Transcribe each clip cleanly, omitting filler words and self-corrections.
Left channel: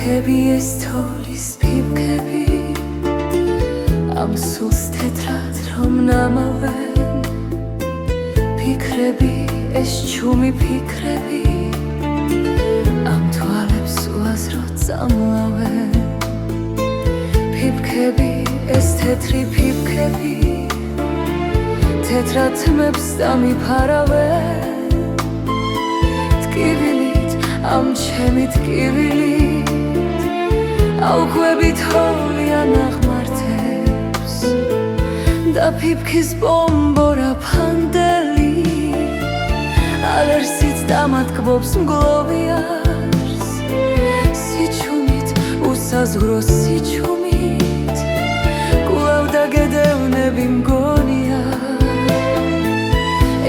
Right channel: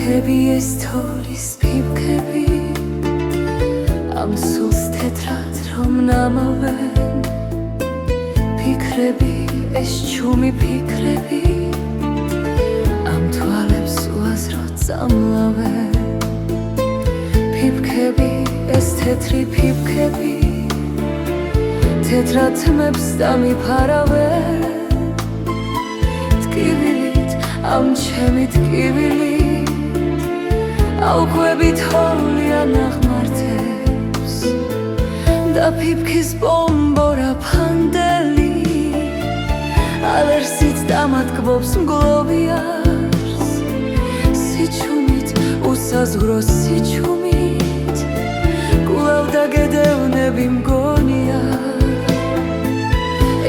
ფიფქები ეს თოვლის ფიფქები ამ სულს თეთრად რომ ნამავენ ფიქრები ეს ჩუმი ფიქრები ამ თვალებს უაზროდ წამლავენ ფიფქები ეს თეთრი ფიფქები თეთრად თმებს დამიფარავენ ტკივილით ამ ჩემი ტკივილით აუქვებით თოვლიან აღმართებს და ფიფქის ბომბორა ფანდელი ალერსით დამატკბობს მგლოვიარს სიჩუმით უსაზღვრო სიჩუმით კვლავ დაგედევნები მგონია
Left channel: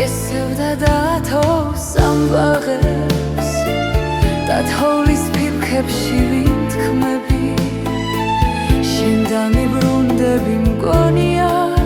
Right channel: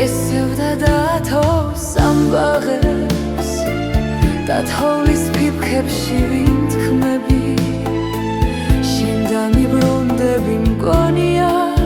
ესევდა დათოს ამბაღებს და თოვლის ფიფქებში ვინ თქმები შენ დამიბრუნდები მგონია